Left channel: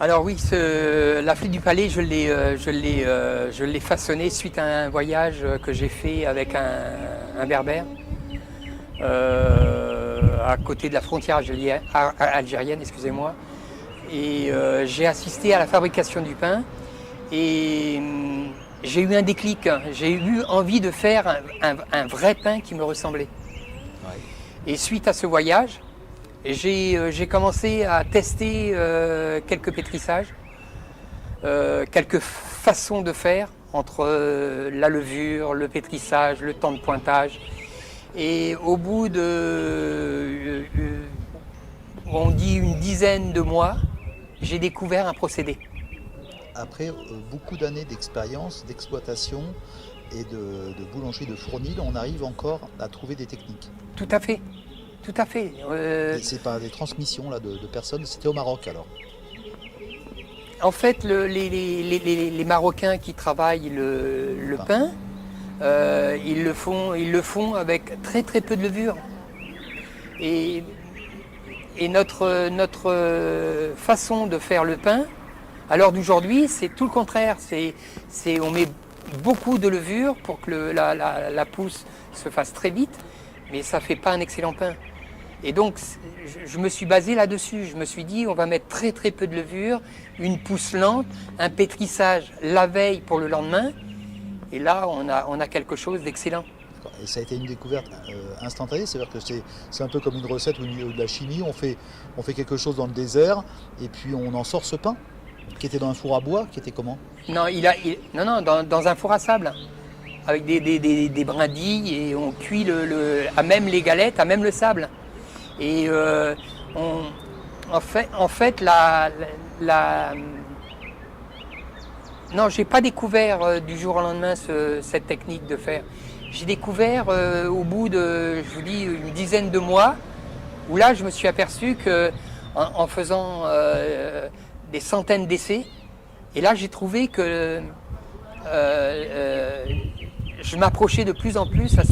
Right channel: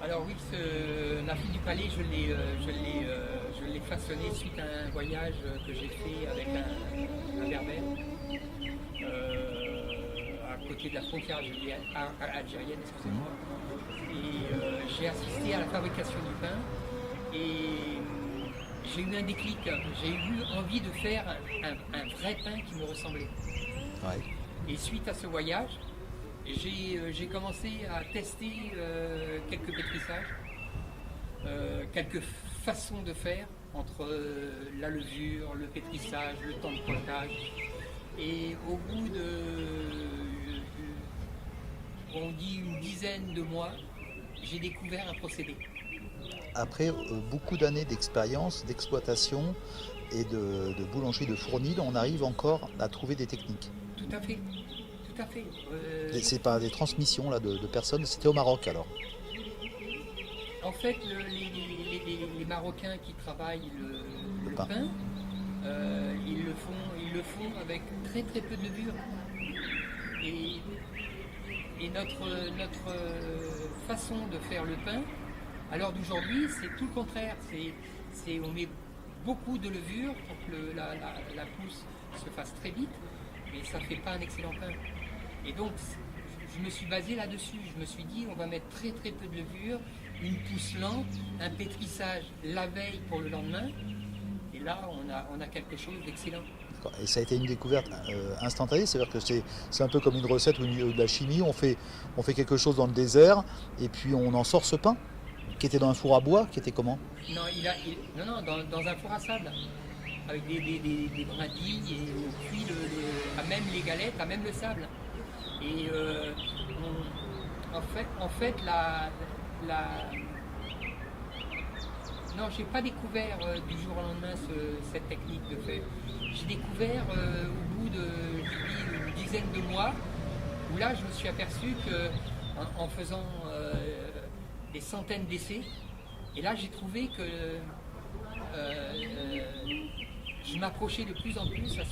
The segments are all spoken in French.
Alors oui, la flûte du palais, je l'ai façonnée suite à un voyage que j'ai fait avec un berbère à côté de la frontière algérienne, excusez-moi. Et j'ai assisté à la fabrication du pain et j'ai eu un déclic. J'ai eu envie de faire un vrai pain qui me ressemblait. Ouais. Et suite à ce voyage, j'ai commencé à tester quelques pétrissages, quelques façons de faire entre la levure, le pétrissage, le temps de pointage. Et au bout de, on dit une dizaine de mois, j'ai découvert un procédé. Après beaucoup d'années d'expérience, d'exploitation et de boulangerie de fournil, on arrive encore à trouver des techniques. Tout à fait, tout à fait. C'est pas des transmissions là, de personnes, c'était au Maroc alors. En fait, les Marocains qui travaillent le pain, ils le font avec très très peu de levure. Et, et notre façon de faire le pain, à l'heure d'aujourd'hui, c'est tout le contraire. On met beaucoup de levure pour que la pousse se fasse très vite, mais ça ne fait pas un excellent pain. Et donc, je me suis basé là-dessus. Je me suis dit, on va mettre très très peu de levure, une pousse lente, un pétrissage la veille pour le lendemain. Et là, on a quelque chose d'excellent. Et ça a été une découverte instantanée, c'est-à-dire que c'est un peu comme une recette ou de la chimie, on fait quelque chose dans le désert et puis on en sort ce pain qui était dans un four à bois, qui était comment? Non, non, dans un four à sable, avec des brindilles et on cuit à même les galettes, à même le sable. Et en fait, non, j'ai pas découvert du jour au lendemain cette technique de faire. J'ai découvert au bout de, je vous dis, une dizaine de mois, où là, je me suis aperçu que en faisant des centaines d'essais, et là, j'ai trouvé que je m'approchais de plus en plus à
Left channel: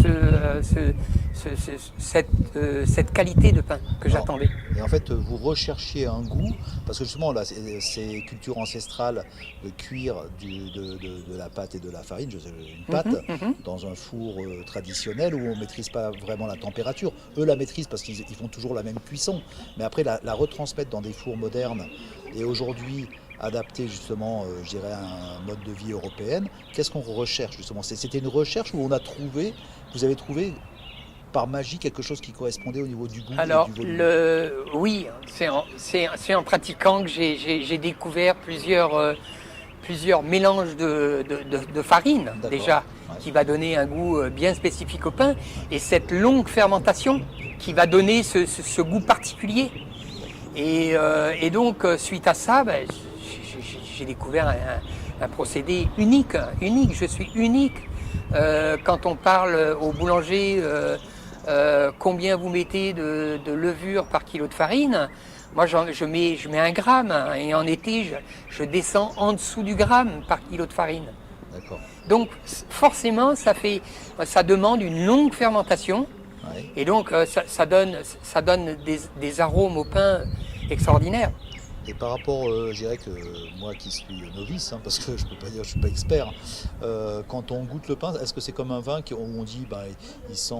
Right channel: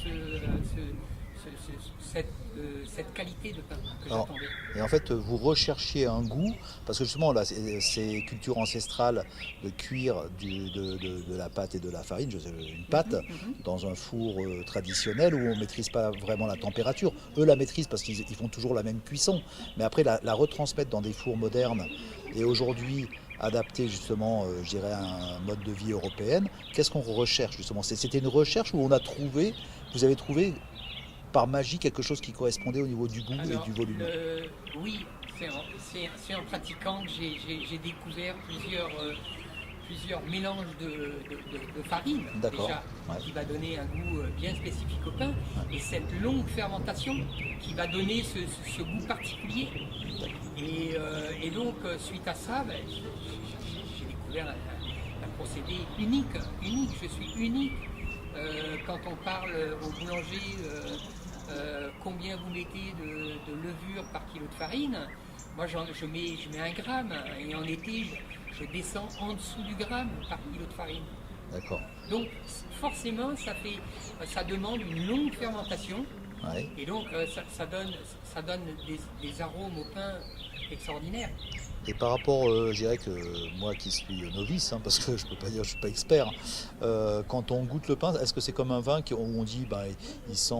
cette qualité de pain que j'attendais. Et en fait, vous recherchiez un goût, parce que justement, là, ces cultures ancestrales de cuire de la pâte et de la farine, une pâte, dans un four traditionnel où on ne maîtrise pas vraiment la température. Eux la maîtrisent parce qu'ils font toujours la même cuisson. Mais après, la retransmettre dans des fours modernes et aujourd'hui adapté justement, je dirais, à un mode de vie européenne, qu'est-ce qu'on recherche justement? C'était une recherche où vous avez trouvé par magie quelque chose qui correspondait au niveau du goût et du volume? Oui, c'est en pratiquant que j'ai découvert plusieurs mélanges de farine déjà, ouais. qui va donner un goût bien spécifique au pain, et cette longue fermentation qui va donner ce goût particulier. Et donc, suite à ça, j'ai découvert un procédé unique. Je suis unique. Quand on parle au boulanger, combien vous mettez de levure par kilo de farine, moi je mets 1 gramme, et en été je descends en dessous du gramme par kilo de farine. D'accord. Donc forcément ça demande une longue fermentation, Ouais. et donc ça donne des arômes au pain extraordinaires. Et par rapport, je dirais que moi qui suis novice, hein, parce que je peux pas dire que je suis pas expert, quand on goûte le pain, est-ce que c'est comme un vin où on dit il sent,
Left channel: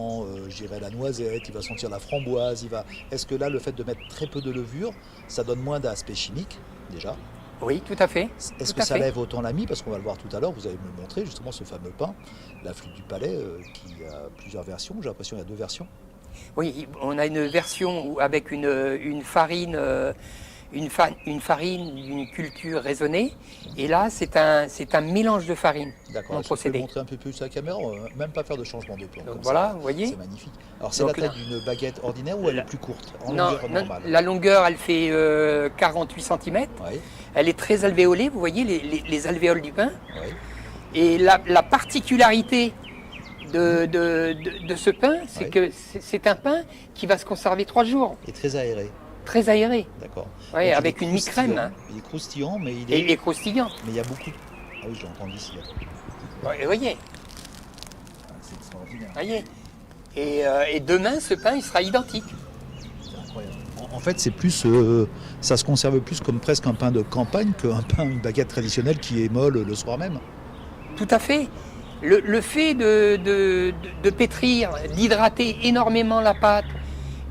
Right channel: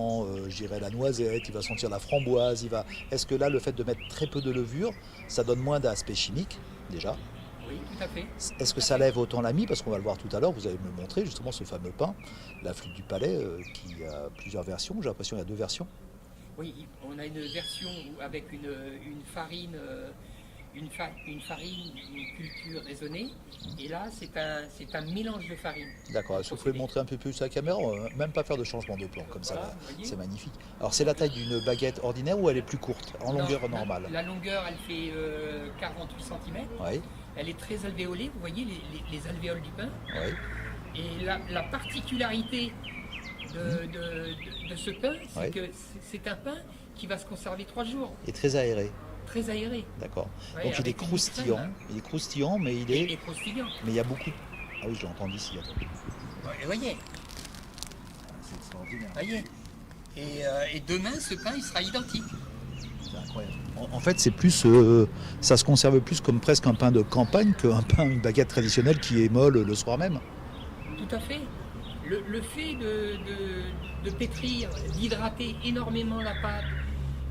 je dirais, la noisette, il va sentir la framboise, Est-ce que là, le fait de mettre très peu de levure, ça donne moins d'aspect chimique déjà? Oui, tout à fait. Est-ce Tout que à ça fait. lève autant la mie? Parce qu'on va le voir tout à l'heure, vous allez me montrer justement ce fameux pain, la flûte du palais, qui a plusieurs versions. J'ai l'impression qu'il y a 2 versions. Oui, on a une version avec une farine, une farine d'une culture raisonnée. Et là, c'est un mélange de farine. D'accord, est-ce que vous pouvez montrer un peu plus à la caméra? On va même pas faire de changement de plan comme Voilà, ça, vous voyez. c'est magnifique. Alors c'est Donc la taille là, d'une baguette ordinaire ou elle est plus courte, en longueur normale? la longueur, elle fait 48 cm. Oui, Elle est très alvéolée, vous voyez les alvéoles du pain. oui, Et la particularité de ce pain, c'est Oui. que c'est un pain qui va se conserver 3 jours, et très aéré, très aéré. d'accord. Ouais, Donc, il avec est une croustillant, mi-crème. il est croustillant, mais Et croustillant. mais il y a beaucoup. Ah oui, je l'entends d'ici. Attends. Vous voyez, Ah, c'est extraordinaire, voyez. Et demain, ce pain, il sera identique. c'est incroyable. En fait, c'est plus, ça se conserve plus comme presque un pain de campagne une baguette traditionnelle qui est molle le soir même. Tout à fait. Le fait de pétrir, d'hydrater énormément la pâte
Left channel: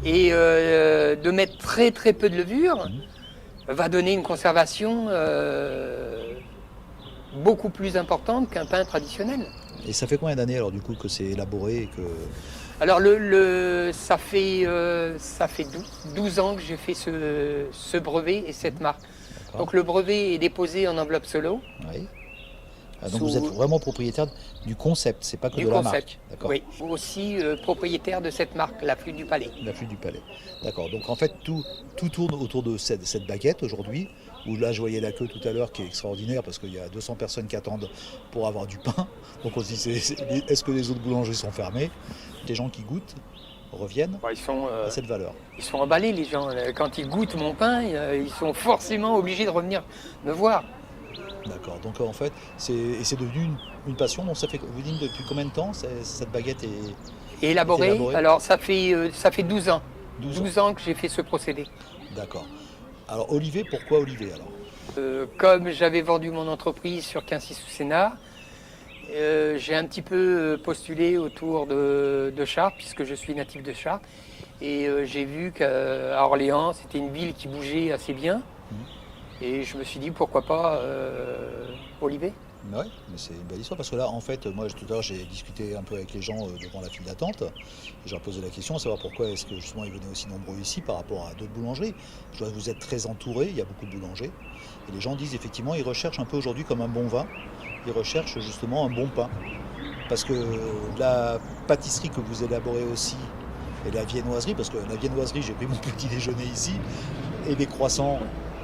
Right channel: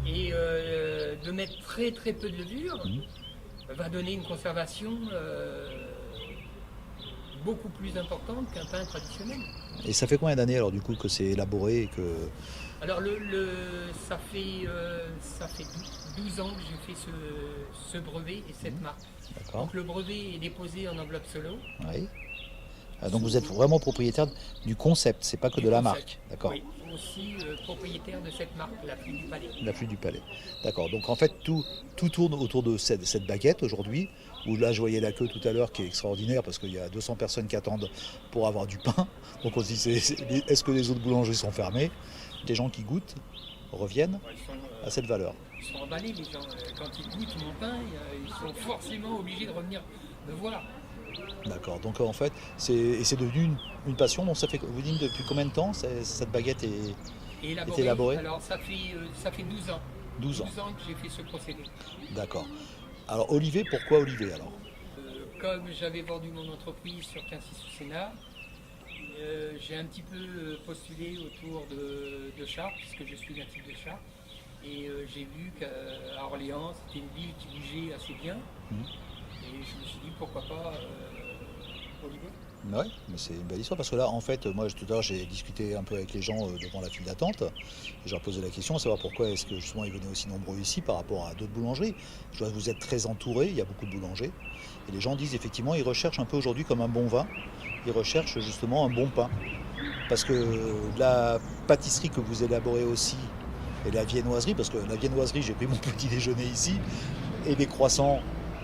et de mettre très très peu de levure va donner une conservation beaucoup plus importante qu'un pain traditionnel. Et ça fait combien d'années alors du coup que c'est élaboré et que... Alors ça fait 12 ans que j'ai fait ce brevet et cette marque. D'accord. Donc le brevet est déposé en enveloppe solo. Oui. Ah, donc vous êtes vraiment propriétaire du concept, c'est pas que de la marque. D'accord. Oui, aussi propriétaire de cette marque, la Flûte du Palais. La Flûte du Palais. D'accord. Donc en fait tout tourne autour de cette baguette aujourd'hui. Où là je voyais la queue tout à l'heure qui est extraordinaire parce qu'il y a 200 personnes qui attendent pour avoir du pain. Donc on se dit est-ce que les autres boulangeries sont fermées? Les gens qui goûtent reviennent à cette valeur. Ils sont emballés les gens. Quand ils goûtent mon pain, ils sont forcément obligés de revenir me voir. D'accord, donc en fait, c'est devenu une passion. Donc ça fait, vous dites depuis combien de temps cette baguette est élaborée? Alors ça fait 12 ans. 12 ans que j'ai fait ce procédé. D'accord. Alors Olivet, pourquoi Olivet alors? Comme j'avais vendu mon entreprise sur Quincy sous Sénart, j'ai un petit peu postulé autour de Chartres, puisque je suis natif de Chartres. Et j'ai vu qu'à Orléans, c'était une ville qui bougeait assez bien. Et je me suis dit, pourquoi pas Olivet? Oui, mais c'est une belle histoire parce que là, en fait, moi tout à l'heure, j'ai discuté un peu avec les gens devant la file d'attente. Et je leur posais la question, à savoir pourquoi est-ce que justement ils venaient aussi nombreux ici par rapport à d'autres boulangeries. Je vois que vous êtes très entourés, il y a beaucoup de boulangers. Et les gens disent effectivement, ils recherchent un peu aujourd'hui comme un bon vin, ils recherchent justement un bon pain. Parce que la pâtisserie que vous élaborez aussi, et la viennoiserie, parce que la viennoiserie, j'ai pris mon petit déjeuner ici, et des croissants.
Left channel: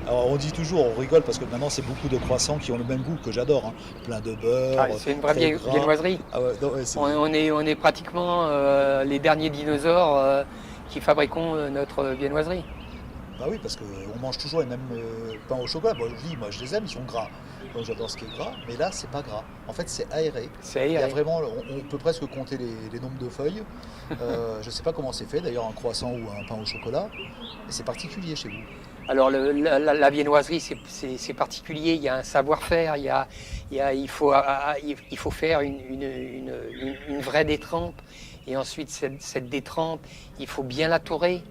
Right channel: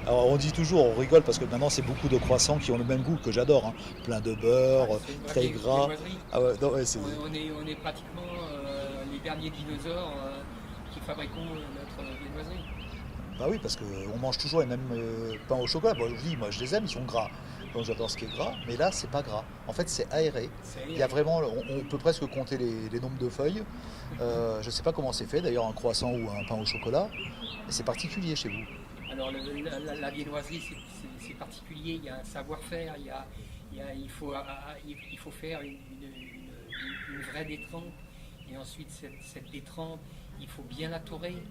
Alors on dit toujours, on rigole parce que maintenant c'est beaucoup de croissants qui ont le même goût que j'adore, hein. Plein de beurre, c'est une vraie très gras. viennoiserie. Ah ouais, non, ouais, on est pratiquement les derniers dinosaures qui fabriquons notre viennoiserie. Bah oui, parce qu'on mange toujours les mêmes pains au chocolat. Bon, je vous dis, moi je les aime, ils sont gras. Donc j'adore ce qui est gras, mais là c'est pas gras. En fait c'est aéré. Il y a vraiment, on peut presque compter les nombres de feuilles. Je sais pas comment c'est fait, d'ailleurs un croissant ou un pain au chocolat. Mais c'est particulier chez vous. Alors la viennoiserie c'est particulier, il y a un savoir-faire, il faut faire une vraie détrempe et ensuite cette détrempe, il faut bien la tourer,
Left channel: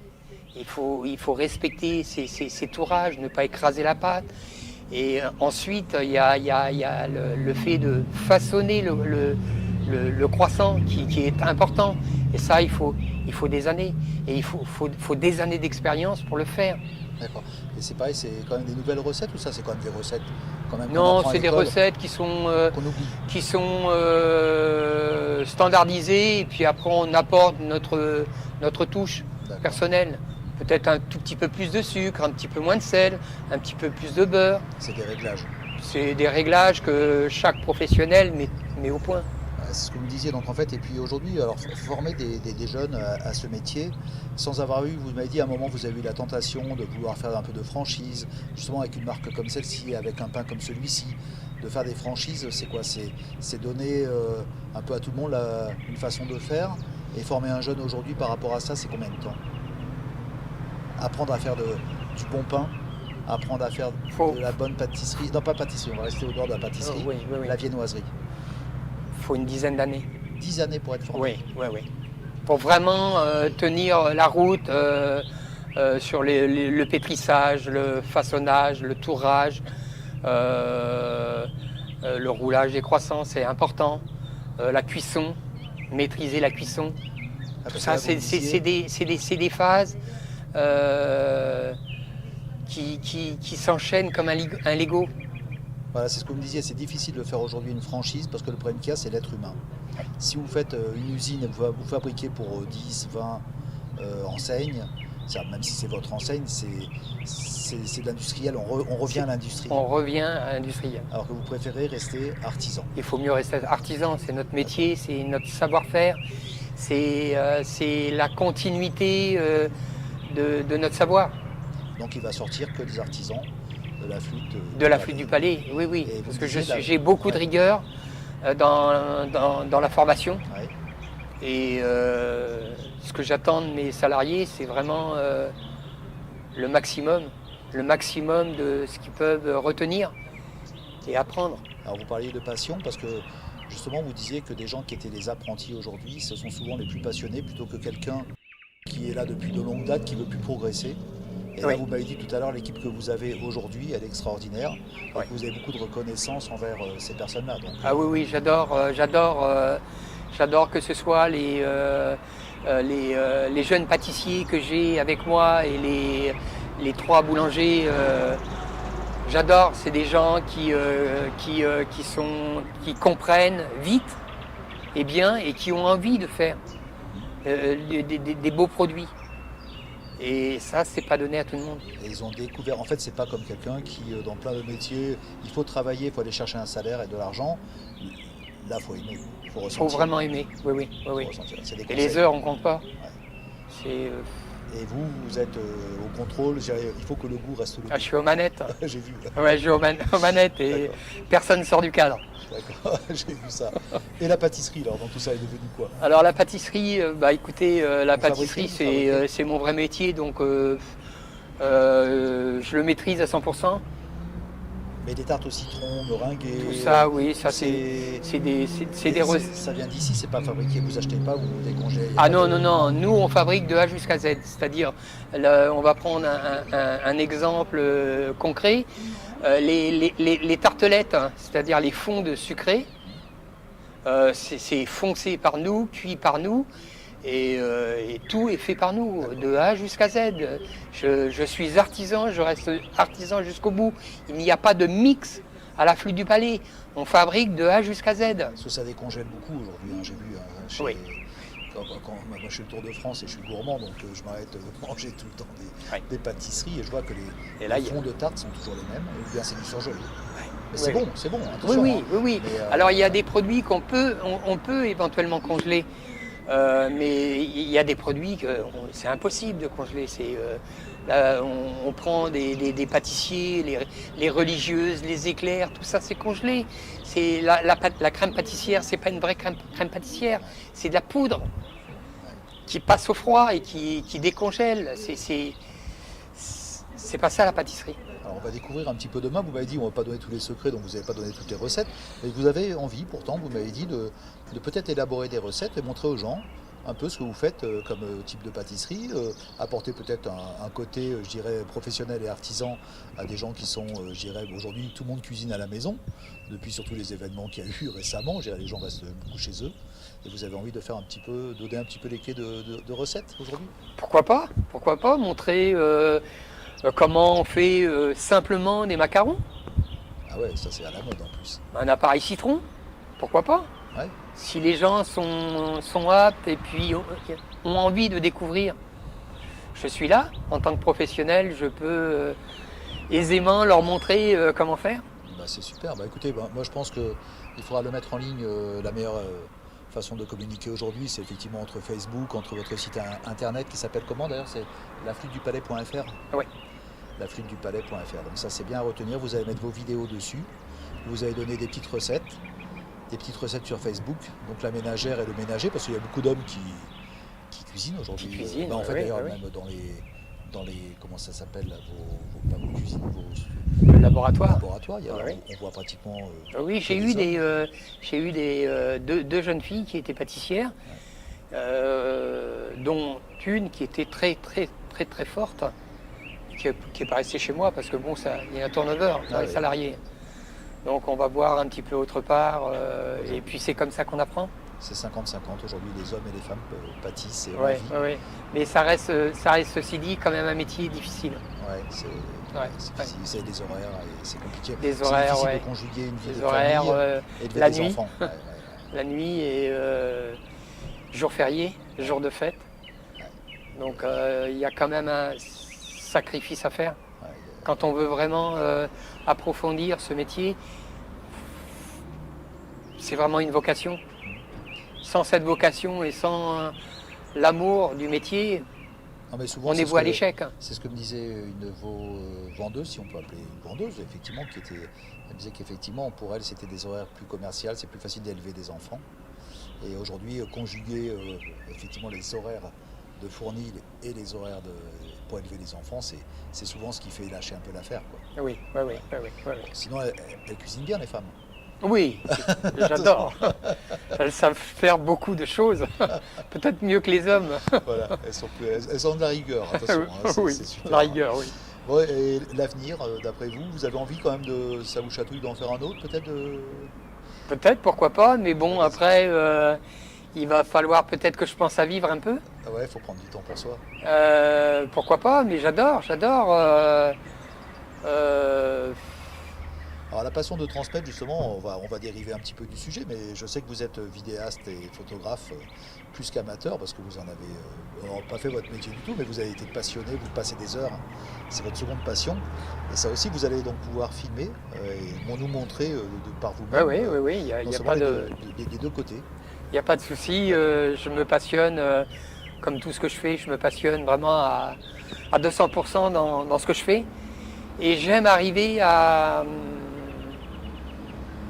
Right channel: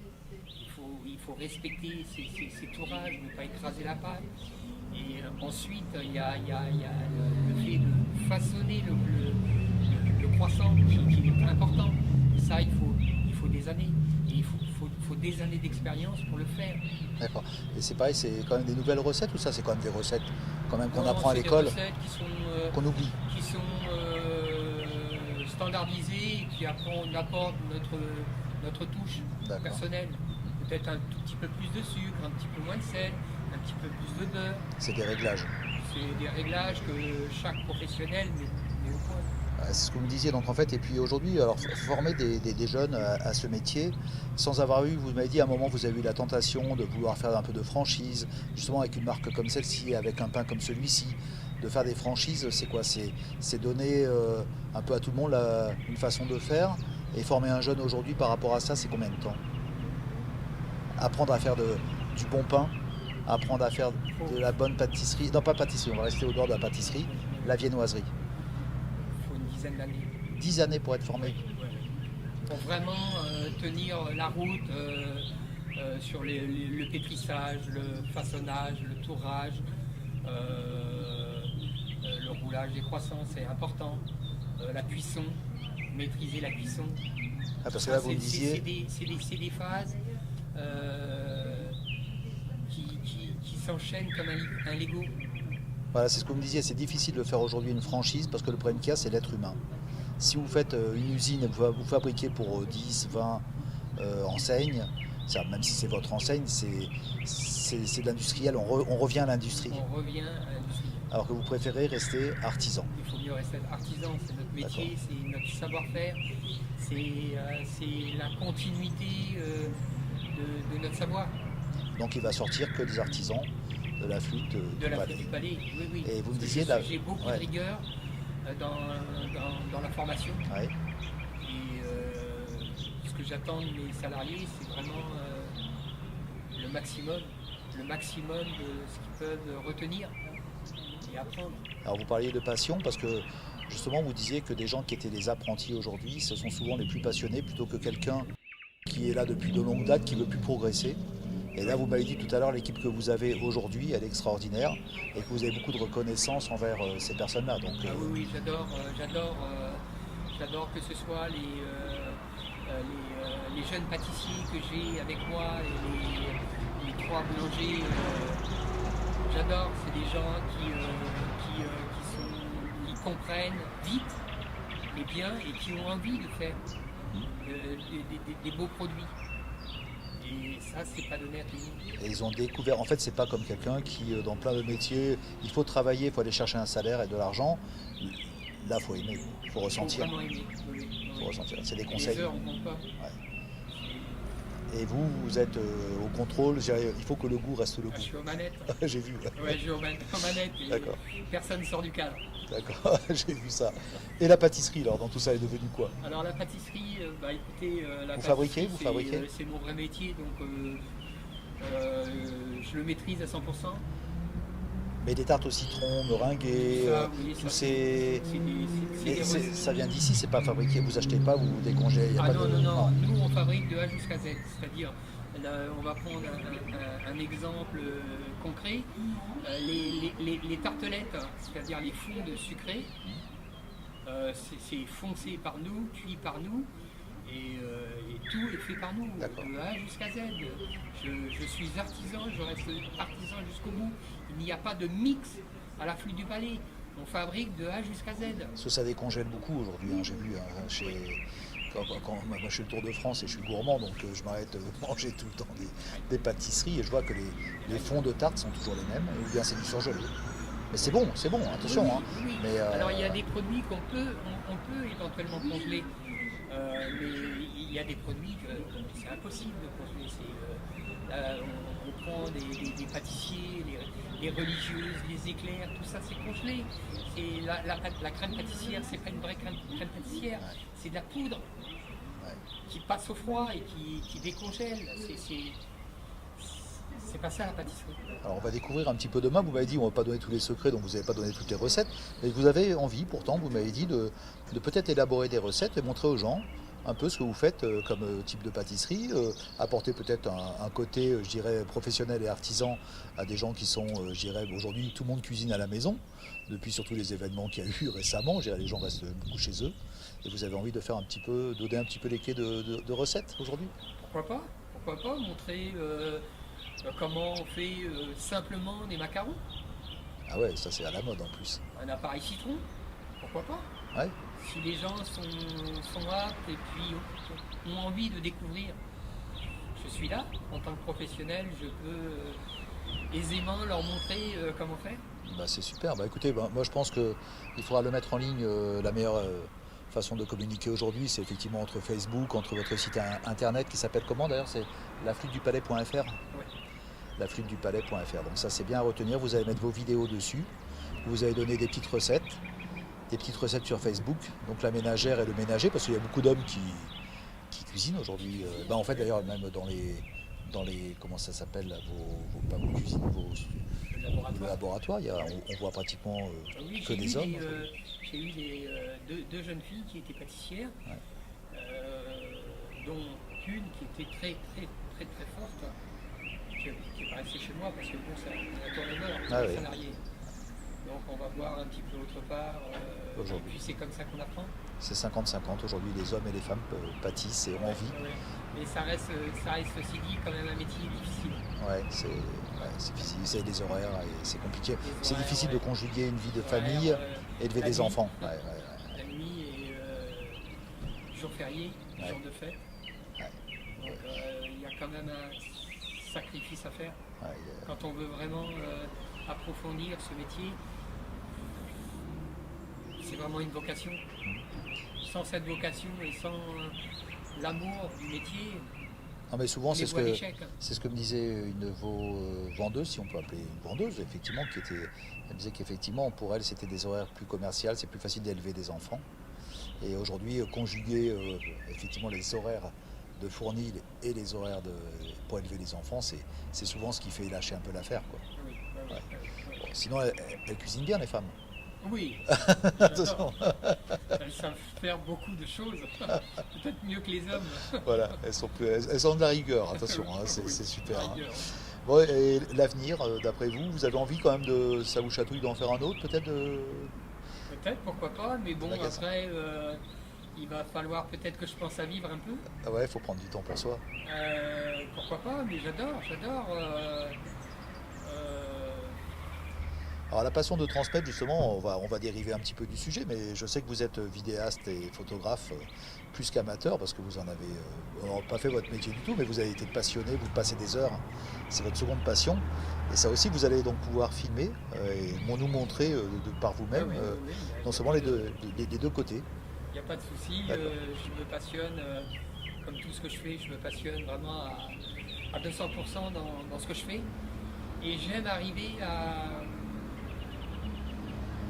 il faut respecter ses tourages, ne pas écraser la pâte. Et ensuite il y a le fait de façonner le croissant qui est important et ça il faut des années et il faut des années d'expérience pour le faire. D'accord. Et c'est pareil, c'est quand même des nouvelles recettes ou ça c'est quand même des recettes quand même qu'on Non, apprend à c'est des l'école, recettes qu'on oublie. qui sont standardisées et puis après on apporte notre touche personnelle. Peut-être un tout petit peu plus de sucre, un petit peu moins de sel, un petit peu plus de beurre. C'est des réglages. C'est des réglages que chaque professionnel met au point. C'est ce que vous me disiez, donc en fait, et puis aujourd'hui, alors former des jeunes à ce métier, sans avoir eu, vous m'avez dit à un moment, vous avez eu la tentation de vouloir faire un peu de franchise, justement avec une marque comme celle-ci, avec un pain comme celui-ci, de faire des franchises, c'est quoi? C'est donner un peu à tout le monde une façon de faire, et former un jeune aujourd'hui par rapport à ça, c'est combien de temps? Apprendre à faire du bon pain, apprendre à faire de la bonne pâtisserie, non pas pâtisserie, on va rester au bord de la pâtisserie, oui. La viennoiserie. Il faut une dizaine d'années. 10 années pour être formé? Oui. Pour vraiment tenir la route sur le pétrissage, le façonnage, le tourrage, le roulage des croissants, c'est important. La cuisson, maîtriser la cuisson. Ça, c'est des phases qui s'enchaînent comme un Lego. Voilà, c'est ce que vous me disiez, c'est difficile de faire aujourd'hui une franchise parce que le problème qu'il y a, c'est l'être humain. Si vous faites une usine et vous fabriquez pour 10, 20 enseignes, même si c'est votre enseigne, c'est de l'industriel, on revient à l'industrie. On revient à l'industriel. Alors que vous préférez rester artisan. Il faut mieux rester artisan, c'est notre métier, c'est notre savoir-faire, c'est la continuité de notre savoir. Donc il va sortir que des artisans de la flûte du Palais, oui. Et parce que j'ai beaucoup de rigueur dans la formation. Ouais. Et ce que j'attends de mes salariés, c'est vraiment le maximum de ce qu'ils peuvent retenir et apprendre. Alors vous parliez de passion parce que justement vous disiez que des gens qui étaient des apprentis aujourd'hui, ce sont souvent les plus passionnés plutôt que quelqu'un qui est là depuis de longues dates, qui veut plus progresser. Et Oui. là vous m'avez dit tout à l'heure, l'équipe que vous avez aujourd'hui, elle est extraordinaire et Oui. que vous avez beaucoup de reconnaissance envers ces personnes-là. Donc, Ah oui, oui, j'adore que ce soit les jeunes pâtissiers que j'ai avec moi et les 3 boulangers. J'adore, c'est des gens qui comprennent vite et bien et qui ont envie de faire des beaux produits. Et ça, c'est pas donné à tout le monde. et ils ont découvert, en fait c'est pas comme quelqu'un qui dans plein de métiers, il faut travailler, il faut aller chercher un salaire et de l'argent. Là il faut aimer, il faut Il faut ressentir. vraiment aimer. Oui, oui, oui, Faut oui. ressentir. C'est des Et conseils. les heures, on compte pas. Ouais. C'est, Et vous êtes au contrôle, je dirais, il faut que le goût reste le goût. je suis aux manettes. J'ai vu. Ouais, je joue aux manettes et D'accord. personne ne sort du cadre. D'accord, j'ai vu ça. Et la pâtisserie, alors, dans tout ça, est devenu quoi? Alors la pâtisserie, écoutez, la Vous pâtisserie fabriquez c'est mon vrai métier, donc je le maîtrise à 100%. Mais des tartes au citron, meringuées. Tout ça, oui, tout ça c'est des Et recettes. ça vient d'ici, c'est pas fabriqué, vous achetez pas, vous décongélez. Ah non, non, non, nous on fabrique de A jusqu'à Z, c'est-à-dire, on va prendre un exemple concret, les tartelettes, hein, c'est-à-dire les fonds sucrés, c'est foncé par nous, cuit par nous, et tout est fait par nous, de A jusqu'à Z. Je suis artisan, je reste artisan jusqu'au bout. Il n'y a pas de mix à la Flûte du Palais. On fabrique de A jusqu'à Z. Parce que ça décongèle beaucoup aujourd'hui, hein, j'ai vu. Oui. Moi je suis le Tour de France et je suis gourmand, donc je m'arrête de manger tout le temps des pâtisseries et je vois que Et là, les fonds de tarte sont toujours les mêmes, ou bien c'est du surgelé. Mais c'est Oui. bon, Oui, attention. oui, hein. oui, oui. Mais, Alors il y a des produits on peut éventuellement congeler, mais il y a des produits que c'est impossible de congeler. Là, on prend des pâtissiers, les religieuses, les éclairs, tout ça c'est congelé. C'est la crème pâtissière, c'est pas une vraie crème pâtissière, c'est de la poudre qui passe au froid et qui décongèle. C'est pas ça la pâtisserie. Alors on va découvrir un petit peu demain, vous m'avez dit on ne va pas donner tous les secrets, donc vous n'avez pas donné toutes les recettes, mais vous avez envie pourtant, vous m'avez dit, de peut-être élaborer des recettes et montrer aux gens un peu ce que vous faites comme type de pâtisserie, apporter peut-être un côté, je dirais, professionnel et artisan à des gens qui sont, je dirais, aujourd'hui tout le monde cuisine à la maison, depuis surtout les événements qu'il y a eu récemment, je dirais, les gens restent beaucoup chez eux, et vous avez envie de faire donner un petit peu les clés de recettes aujourd'hui? Pourquoi pas montrer comment on fait simplement des macarons, Ah ouais, ça c'est à la mode en plus. un appareil citron, pourquoi pas. Ouais. Si les gens sont aptes et puis ont envie de découvrir, je suis là en tant que professionnel, je peux aisément leur montrer comment faire. Bah, c'est super. Bah, écoutez, moi je pense qu'il faudra le mettre en ligne. La meilleure façon de communiquer aujourd'hui, c'est effectivement entre Facebook, entre votre site internet qui s'appelle comment d'ailleurs? C'est laflûtedupalais.fr. Oui. Laflûtedupalais.fr. Donc ça c'est bien à retenir. Vous allez mettre vos vidéos dessus. Vous allez donner des petites recettes sur Facebook. Donc la ménagère et le ménager, parce qu'il y a beaucoup d'hommes qui cuisinent aujourd'hui. Qui cuisinent, En fait oui, d'ailleurs oui. même dans les comment ça s'appelle là, pas vos cuisines, vos Le laboratoire. laboratoires, Oui. on voit pratiquement. Oui, que j'ai des eu hommes. deux jeunes filles qui étaient pâtissières, dont une qui était très très très très forte, qui est pas restée chez moi parce que bon, il y a un turnover dans les oui. salariés. Donc on va voir un petit peu autre part, et Aujourd'hui. puis c'est comme ça qu'on apprend. C'est 50-50 aujourd'hui, les hommes et les femmes pâtissent et ont Ouais, envie. ouais. Mais ça reste ceci dit quand même un métier difficile. Ouais, c'est difficile, c'est des horaires et c'est compliqué. Des C'est horaires, difficile ouais. de conjuguer une vie Les de horaires, famille et de la des nuit. enfants. La nuit et jour férié, jour de fête. Ouais. Donc il y a quand même un sacrifice à faire. Ouais, Quand on veut vraiment approfondir ce métier, c'est vraiment une vocation. Sans cette vocation et sans l'amour du métier, non, mais souvent, on est voué à l'échec. c'est ce que me disait une de vos vendeuses, si on peut appeler une vendeuse, effectivement, elle disait qu'effectivement, pour elle, c'était des horaires plus commerciaux, c'est plus facile d'élever des enfants. Et aujourd'hui, conjuguer effectivement les horaires de Fournil et les horaires pour élever les enfants, c'est souvent ce qui fait lâcher un peu l'affaire, quoi. Oui, oui, oui, Ouais. oui, oui, oui. Sinon, elles cuisinent bien, les femmes. Oui, j'adore. Elles savent faire beaucoup de choses, peut-être mieux que les hommes. Voilà, elles ont de la rigueur, attention, hein, Oui, c'est super. la Hein. rigueur, oui. Bon, et l'avenir, d'après vous, vous avez envie quand même ça vous chatouille d'en faire un autre, peut-être Peut-être, pourquoi pas, mais bon, Magasin. après, il va falloir peut-être que je pense à vivre un peu. Ah ouais, il faut prendre du temps pour soi. Pourquoi pas, mais j'adore. Alors la passion de transmettre, justement, on va dériver un petit peu du sujet, mais je sais que vous êtes vidéaste et photographe plus qu'amateur, parce que vous en avez pas fait votre métier du tout, mais vous avez été passionné, vous passez des heures, c'est votre seconde passion. Et ça aussi, vous allez donc pouvoir filmer et nous montrer par Oui, vous-même, oui, oui, oui, il n'y a, non y a seulement pas les deux côtés. y a pas de souci. Je me passionne, comme tout ce que je fais, je me passionne vraiment à 200% dans ce que je fais. Et j'aime arriver à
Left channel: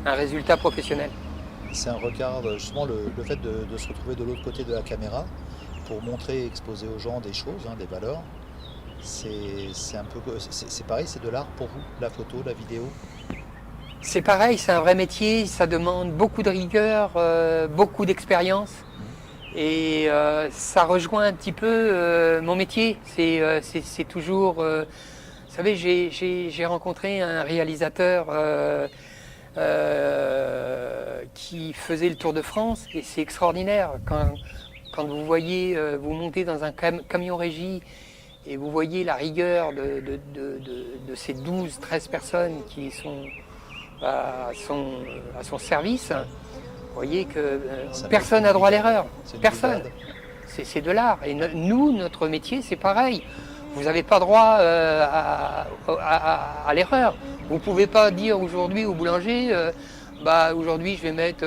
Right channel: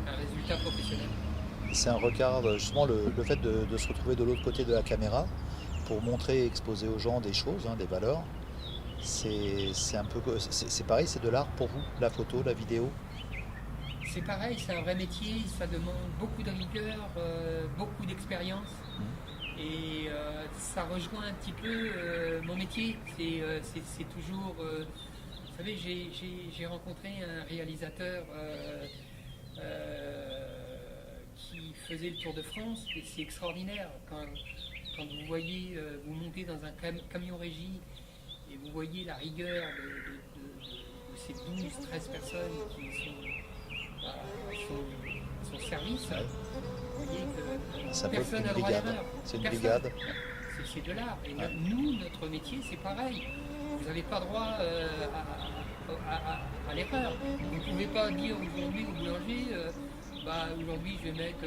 un résultat professionnel. C'est un regard, justement, le fait de se retrouver de l'autre côté de la caméra pour montrer et exposer aux gens des choses, hein, des valeurs. C'est un peu, c'est pareil, c'est de l'art pour vous, la photo, la vidéo. C'est pareil, c'est un vrai métier, ça demande beaucoup de rigueur, beaucoup d'expérience. Et ça rejoint un petit peu mon métier. C'est toujours... vous savez, j'ai rencontré un réalisateur qui faisait le Tour de France et c'est extraordinaire. Quand vous voyez, vous montez dans un camion régie et vous voyez la rigueur de ces 12-13 personnes qui sont à son service, vous voyez que personne n'a droit à l'erreur. C'est une Personne. brigade. C'est de l'art. Et nous, notre métier, c'est pareil. Vous n'avez pas droit à l'erreur. Vous ne pouvez pas dire aujourd'hui au boulanger, aujourd'hui je vais mettre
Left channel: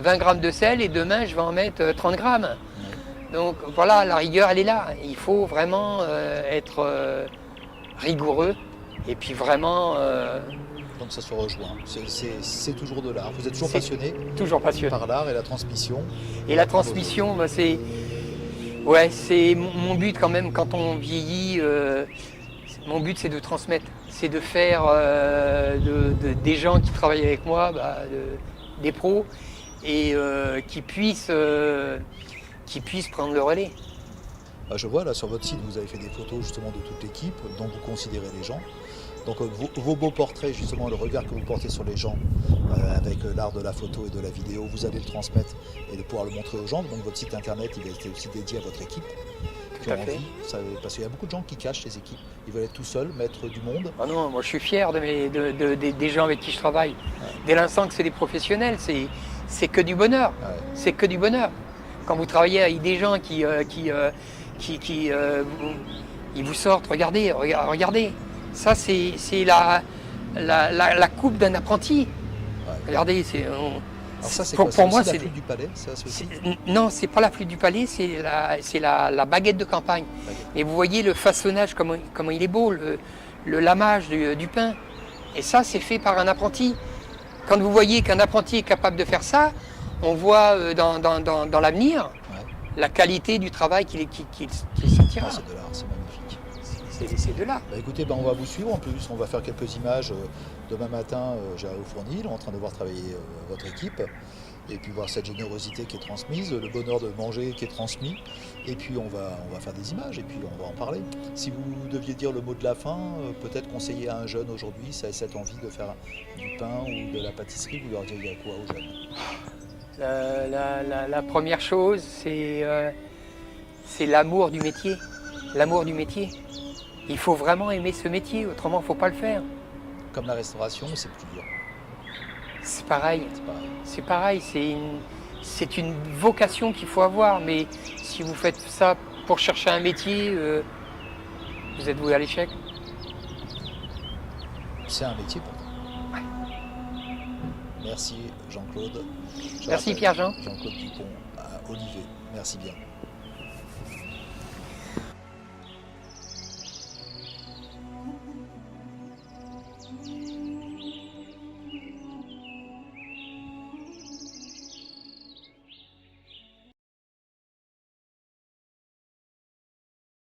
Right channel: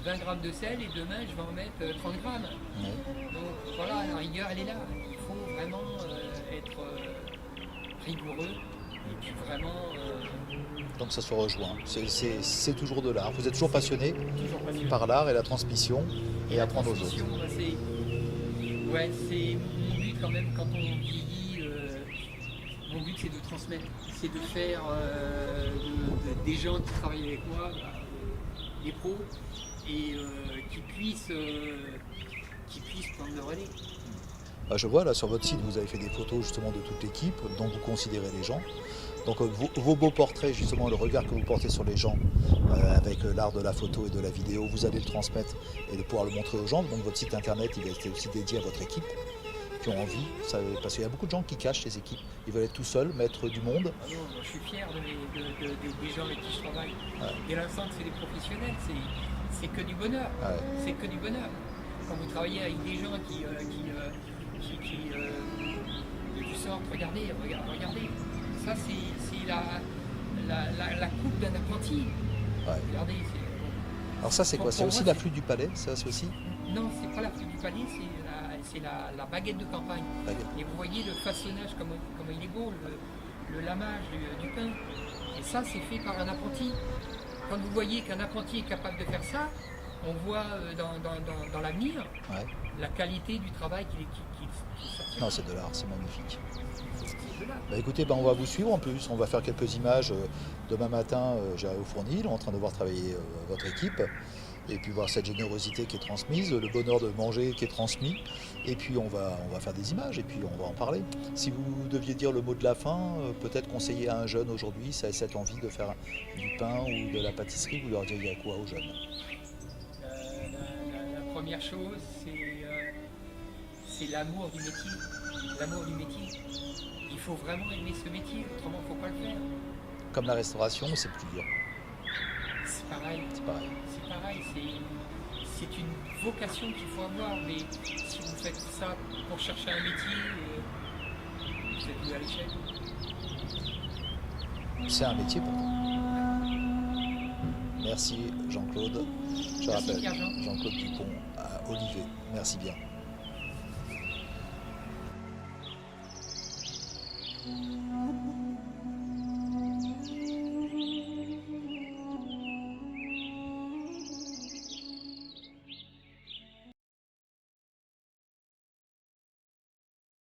20 grammes de sel et demain je vais en mettre 30 grammes. Ouais. Donc voilà, la rigueur, elle est là. Il faut vraiment être rigoureux et puis vraiment Donc ça se rejoint. C'est toujours de l'art. Vous êtes toujours passionné toujours passionné. par l'art et la transmission. Et la apprendre aux transmission, c'est mon but quand même quand on vieillit. Mon but c'est de transmettre, c'est de faire des gens qui travaillent avec moi, des pros, et qui puissent prendre le relais. autres. Je vois là sur votre site, vous avez fait des photos justement de toute l'équipe, dont vous considérez les gens. Donc vos beaux portraits, justement, le regard que vous portez sur les gens avec l'art de la photo et de la vidéo, vous allez le transmettre et de pouvoir le montrer aux gens. Donc votre site internet, il a été aussi dédié à votre équipe qui ont envie. Parce qu'il y a beaucoup de gens qui cachent les équipes. Ils veulent être tout seuls, maître du monde. Ah non, moi je suis fier des gens avec qui je travaille. Ouais. Dès l'instant que c'est des professionnels, c'est que du bonheur. Ouais. C'est que du bonheur. Quand vous travaillez avec des gens qui ils vous sortent, regardez. Ça, c'est la coupe d'un apprenti. Ouais. Regardez, Alors ça, c'est pour quoi? C'est moi, aussi la c'est- flûte du palais, ça aussi non, c'est pas la flûte du palais, c'est la baguette de campagne. Baguette. Et vous voyez le façonnage, comment il est beau, le lamage du pain. Et ça, c'est fait par un apprenti. Quand vous voyez qu'un apprenti est capable de faire ça, on voit dans l'avenir Ouais. la qualité du travail qu'il sortira. Non, c'est de l'art, c'est magnifique. C'est de là. Bah écoutez, on va vous suivre en plus, on va faire quelques images demain matin, j'arrive au Fournil, en train de voir travailler votre équipe, et puis voir cette générosité qui est transmise, le bonheur de manger qui est transmis, et puis on va faire des images, et puis on va en parler. Si vous deviez dire le mot de la fin, peut-être conseiller à un jeune aujourd'hui, ça a cette envie de faire du pain ou de la pâtisserie, vous leur diriez quoi aux jeunes? La première chose, c'est l'amour du métier. L'amour du métier. Il faut vraiment aimer ce métier, autrement il ne faut pas le faire. Comme la restauration, c'est plus dur, C'est pareil, c'est pareil. c'est pareil, c'est une vocation qu'il faut avoir, mais si vous faites ça pour chercher un métier, vous êtes voué à l'échec. C'est un métier pourtant. Merci Jean-Claude. Je Merci rappelle, Pierre-Jean. Jean-Claude Dupont à Olivet. Merci bien.